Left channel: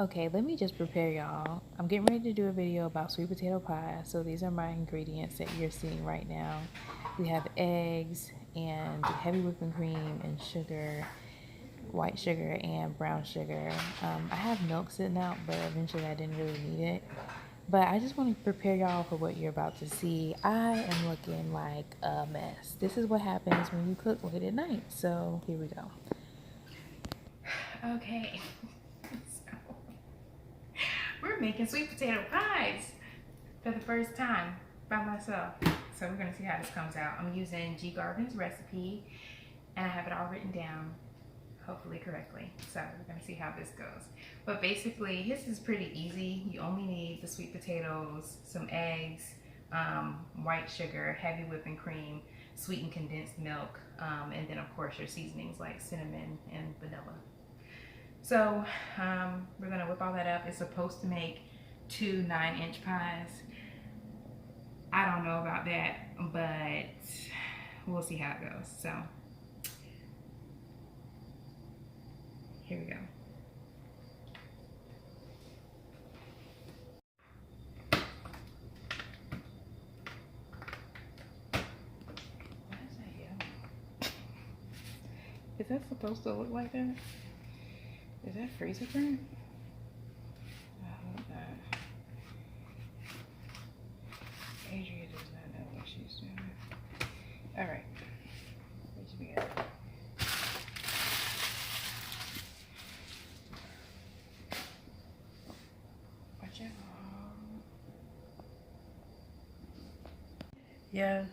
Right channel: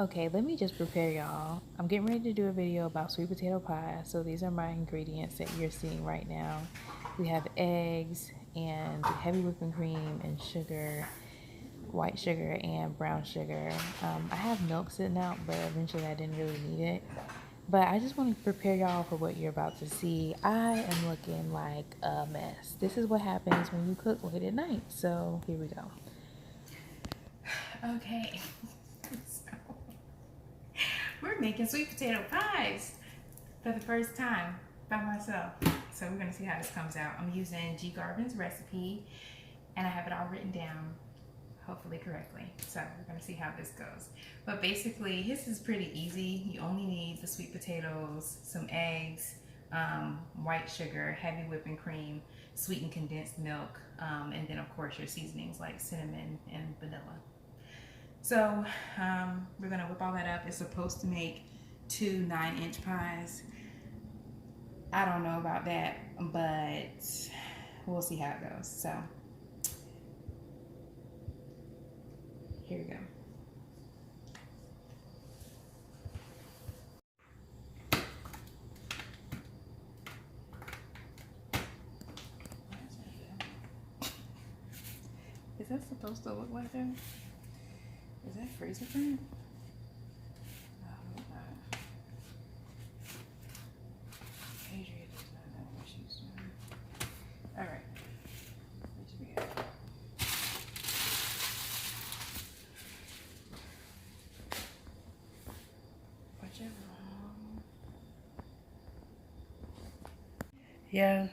Okay, let me just prepare y'all. I'm getting ready to do a video about sweet potato pie. So these are my ingredients that you're seeing right now. We have eggs and heavy whipping cream and sugar, white sugar and brown sugar. I have milk sitting out, but eventually I didn't really need it. But I just want to prepare y'all for what you're about to see. I am looking like a mess. This is what happens when you cook late at night. So here we go. Okay. We're making sweet potato pies for the first time by myself. So we're gonna see how this comes out. I'm using G Garvin's recipe and I have it all written down, hopefully correctly. So we're gonna see how this goes. But basically, this is pretty easy. You only need the sweet potatoes, some eggs, white sugar, heavy whipping cream, sweetened condensed milk, and then of course your seasonings like cinnamon and vanilla. So we're gonna whip all that up. It's supposed to make 2 9-inch pies. I don't know about that, but we'll see how it goes. So here we go. Why is that yellow? Is that supposed to look like that? Is that freezer print? Oh my God. Adria does not know what she's doing. All right. What we got? Whichever. Yeah.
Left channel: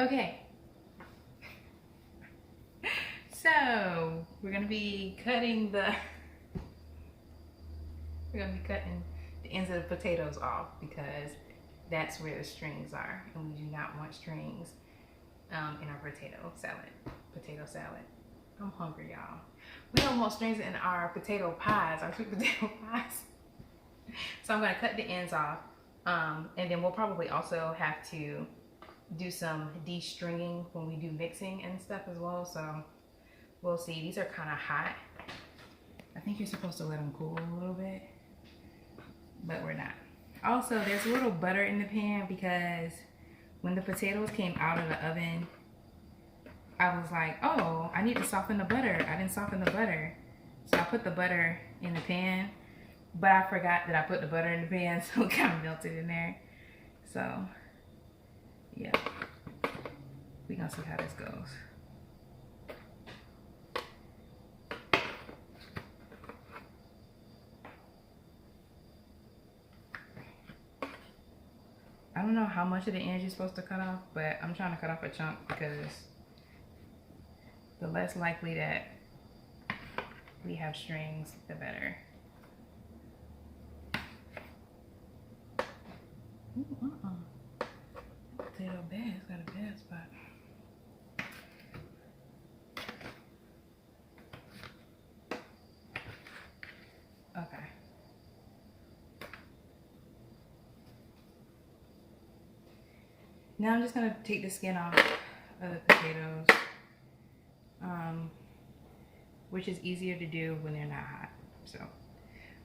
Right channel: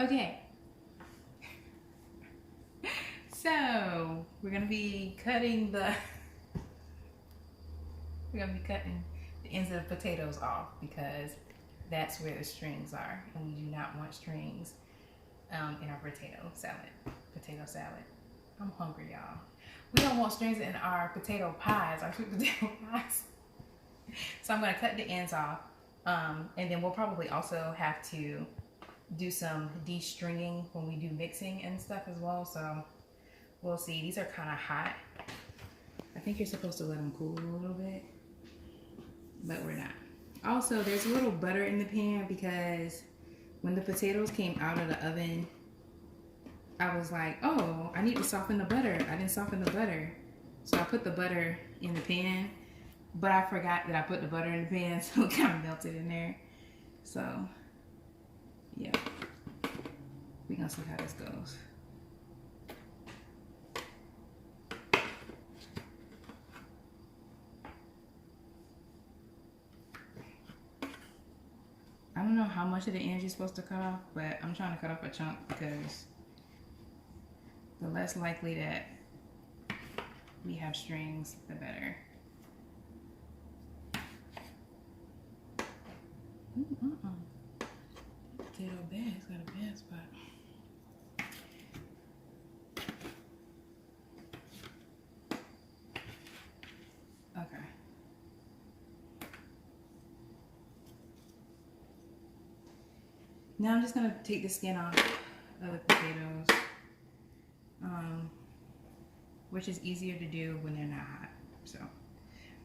Okay, so we're gonna be cutting the ends of the potatoes off because that's where the strings are, and we do not want strings in our potato salad. I'm hungry, y'all. We don't want strings in our potato pies, our sweet potato pies. So I'm gonna cut the ends off, and then we'll probably also have to do some de-stringing when we do mixing and stuff as well. So we'll see. These are kind of hot. I think you're supposed to let them cool a little bit, but we're not. Also, there's a little butter in the pan because when the potatoes came out of the oven, I was like, oh, I need to soften the butter. I didn't soften the butter. So I put the butter in the pan, but I forgot that I put the butter in the pan, so it kind of melted in there. So yeah, we're gonna see how this goes. I don't know how much of the ends you're supposed to cut off, but I'm trying to cut off a chunk because the less likely that we have strings, the better. Ooh, potato bad, it's got a bad spot. Okay. Now I'm just gonna take the skin off of the potatoes, which is easier to do when they're not hot. So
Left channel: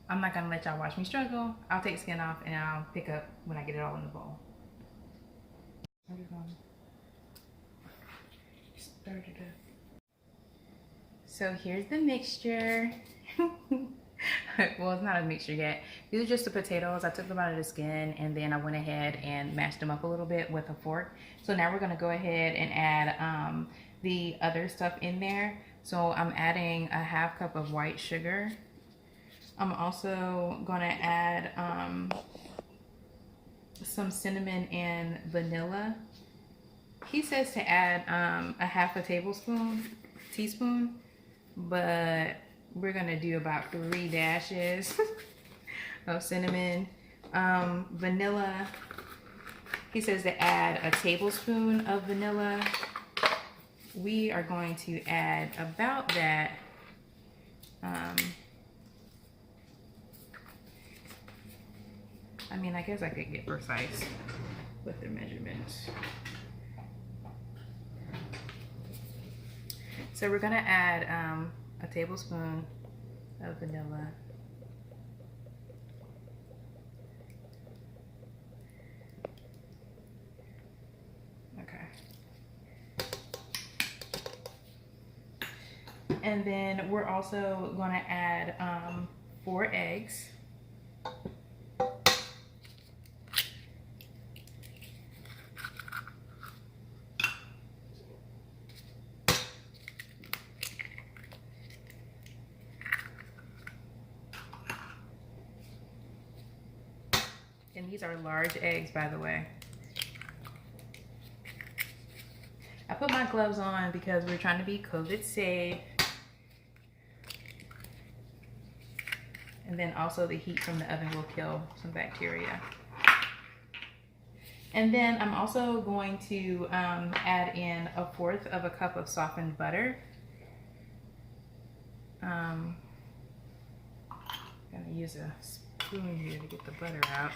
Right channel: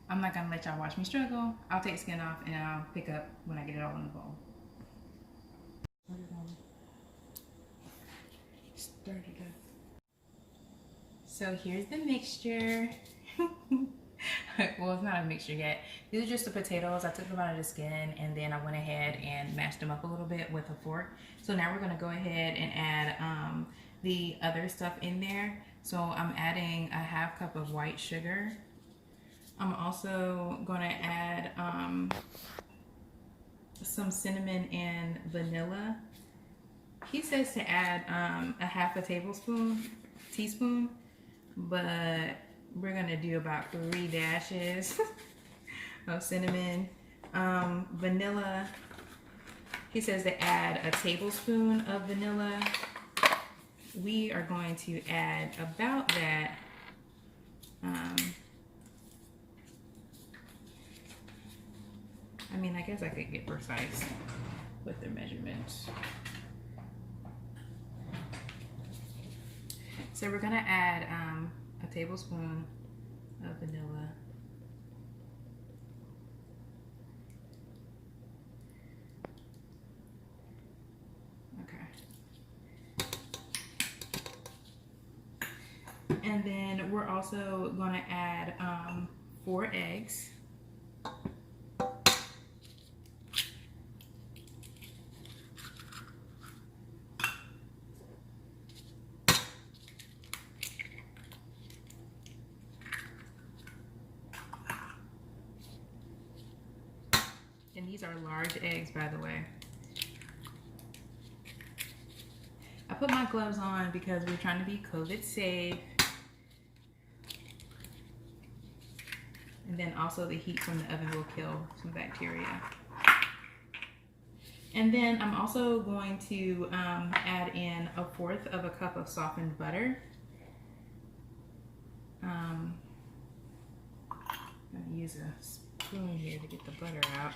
I'm not gonna let y'all watch me struggle. I'll take the skin off and I'll pick up when I get it all in the bowl. I'm just gonna stir it up. So here's the mixture. Well, it's not a mixture yet. These are just the potatoes. I took them out of the skin and then I went ahead and mashed them up a little bit with a fork. So now we're gonna go ahead and add the other stuff in there. So I'm adding a ½ cup of white sugar. I'm also gonna add some cinnamon and vanilla. He says to add a ½ teaspoon, but we're gonna do about 3 dashes of cinnamon. Vanilla, he says to add a tablespoon of vanilla. We are going to add about that I mean, I guess I could get precise with the measurements. So we're gonna add a tablespoon of vanilla. Okay. And then we're also gonna add 4 eggs. And these are large eggs, by the way. I put my gloves on because we're trying to be COVID safe. And then also the heat from the oven will kill some bacteria. And then I'm also going to add in 1/4 cup of softened butter. I'm gonna use a spoon here to get the butter out.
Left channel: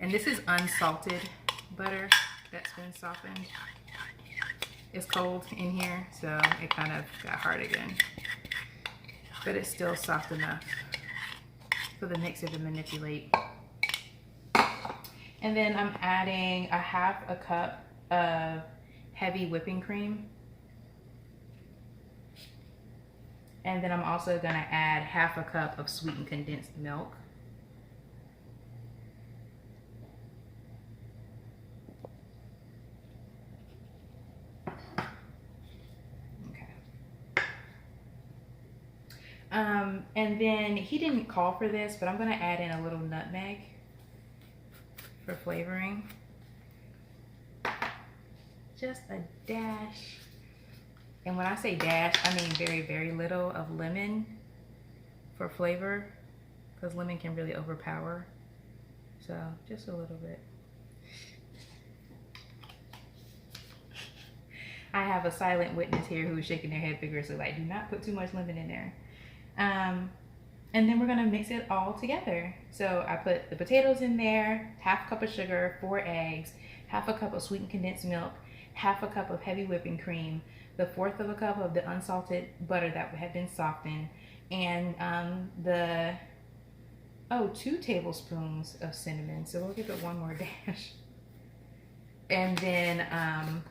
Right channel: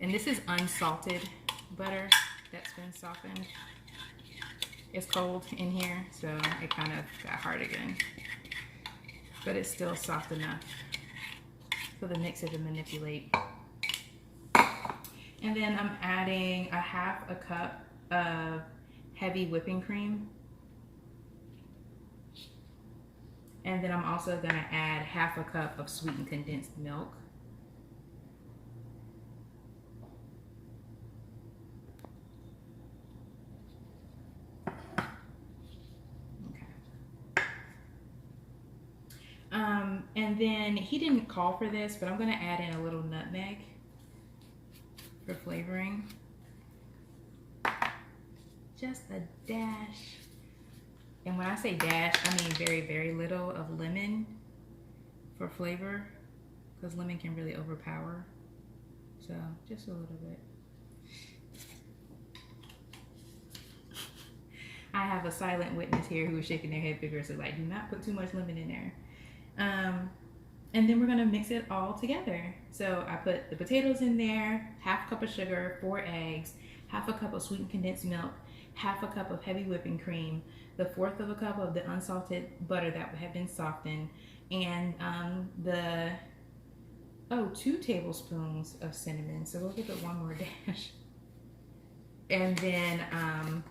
And this is unsalted butter that's been softened. It's cold in here, so it kind of got hard again. But it's still soft enough for the mixer to manipulate. And then I'm adding 1/2 cup of heavy whipping cream. And then I'm also gonna add 1/2 cup of sweetened condensed milk. And then he didn't call for this, but I'm gonna add in a little nutmeg for flavoring. Just a dash. And when I say dash, I mean very, very little of lemon for flavor, because lemon can really overpower. So just a little bit. I have a silent witness here who is shaking their head vigorously, like, do not put too much lemon in there. And then we're gonna mix it all together. So I put the potatoes in there, 1/2 cup of sugar, 4 eggs, 1/2 cup of sweetened condensed milk, 1/2 cup of heavy whipping cream, the 1/4 cup of the unsalted butter that had been softened, and 2 tablespoons of cinnamon. So we'll give it one more dash. And then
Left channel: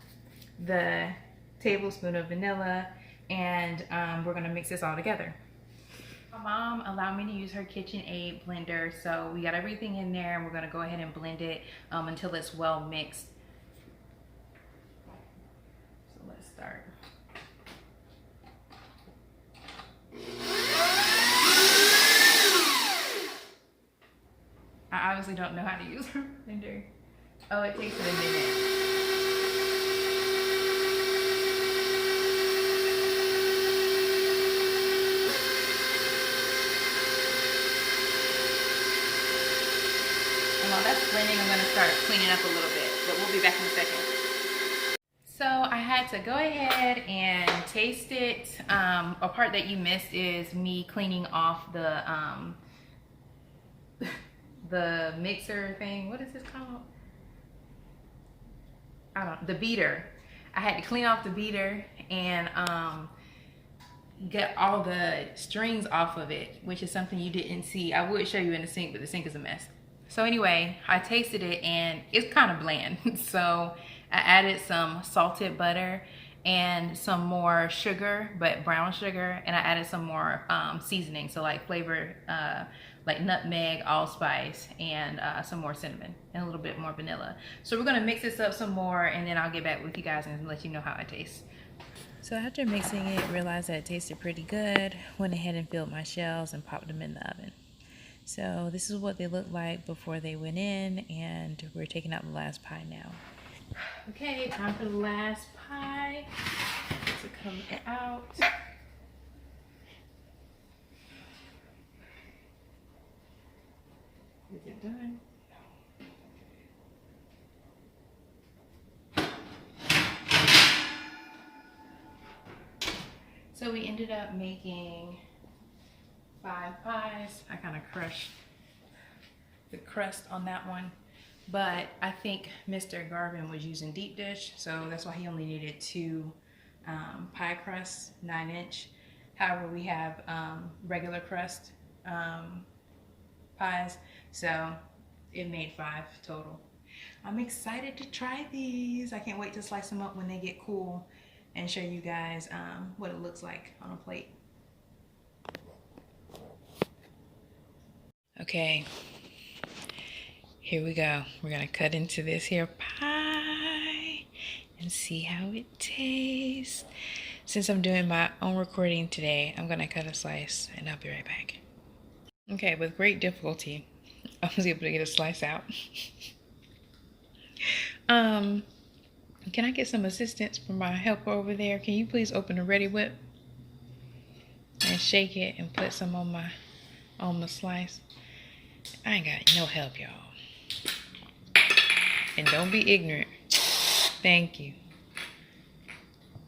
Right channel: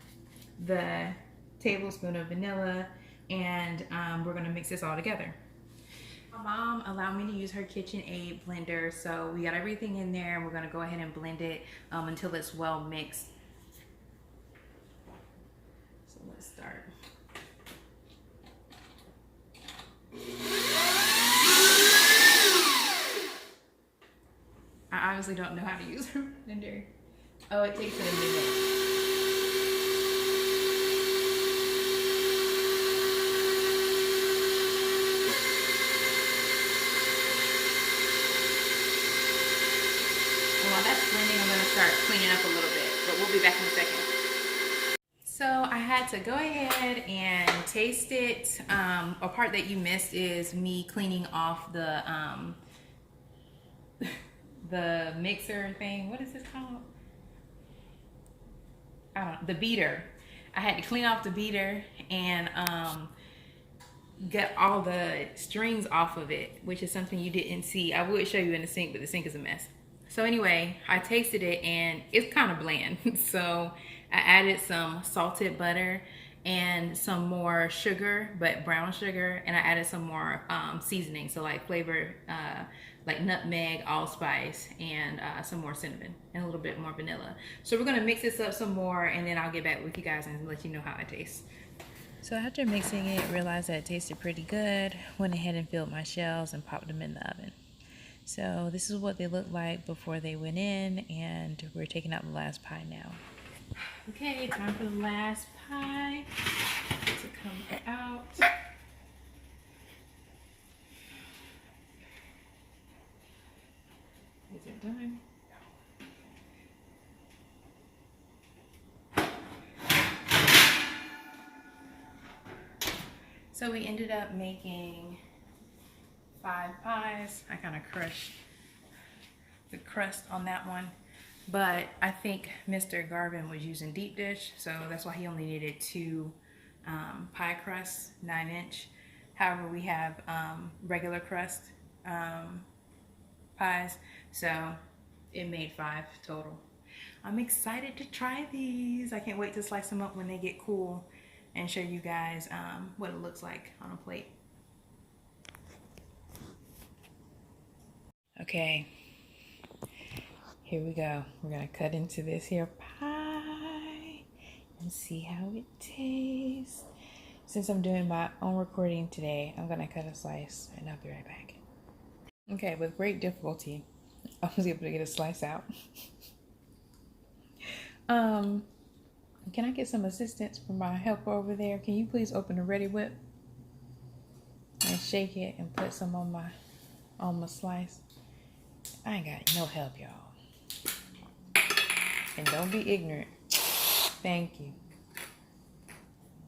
the tablespoon of vanilla, and we're gonna mix this all together. My mom allowed me to use her KitchenAid blender, so we got everything in there, and we're gonna go ahead and blend it until it's well mixed. So let's start. I obviously don't know how to use her blender. Oh, it takes a minute. While that's blending, I'm going to start cleaning up a little bit, but we'll be back in a second. So I had to go ahead and taste it. A part that you missed is me cleaning off the mixer thing. What is this called? I don't know, the beater. I had to clean off the beater and get all the strings off of it, which is something you didn't see. I would show you in the sink, but the sink is a mess. So anyway, I tasted it and it's kind of bland. So I added some salted butter and some more sugar, but brown sugar, and I added some more seasoning, so like flavor, like nutmeg, allspice, and some more cinnamon, and a little bit more vanilla. So we're gonna mix this up some more, and then I'll get back with you guys and let you know how it tastes. So after mixing it, realized that it tasted pretty good. Went ahead and filled my shells and popped them in the oven. So this is what they looked like before they went in, and we're taking out the last pie now. Okay, time for the last pie to come out. Is it done? No. So we ended up making 5 pies. I kind of crushed the crust on that one. But I think Mr. Garvin was using deep dish, so that's why he only needed 2 pie crusts, 9-inch. However, we have regular crust pies, so it made 5 total. I'm excited to try these. I can't wait to slice them up when they get cool and show you guys what it looks like on a plate. Okay, here we go. We're gonna cut into this here pie and see how it tastes. Since I'm doing my own recording today, I'm gonna cut a slice and I'll be right back. Okay, with great difficulty, I was able to get a slice out. Can I get some assistance from my helper over there? Can you please open the Ready Whip and shake it and put some on my slice? I ain't got no help, y'all. And don't be ignorant. Thank you.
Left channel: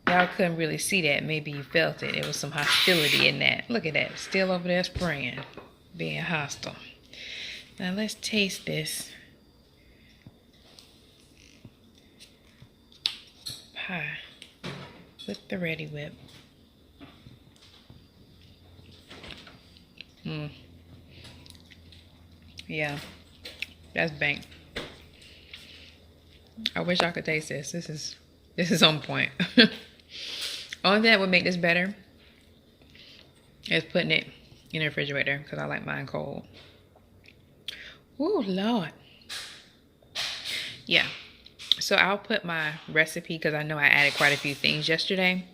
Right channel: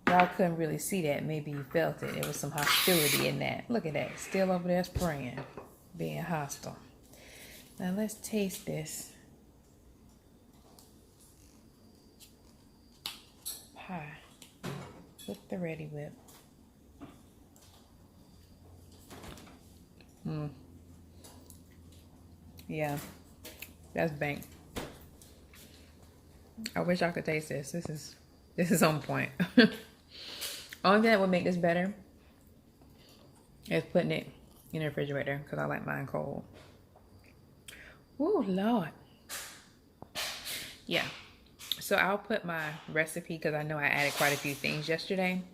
Y'all couldn't really see that. Maybe you felt it. There was some hostility in that. Look at that. Still over there spraying. Being hostile. Now let's taste this pie with the Ready Whip. Yeah, that's bank. I wish I could taste this. This is on point. Only thing that would make this better is putting it in the refrigerator because I like mine cold. Ooh, Lord. Yeah. So I'll put my recipe, because I know I added quite a few things yesterday.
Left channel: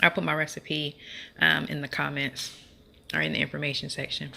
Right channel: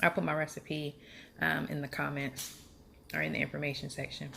I'll put my recipe in the comments or in the information section.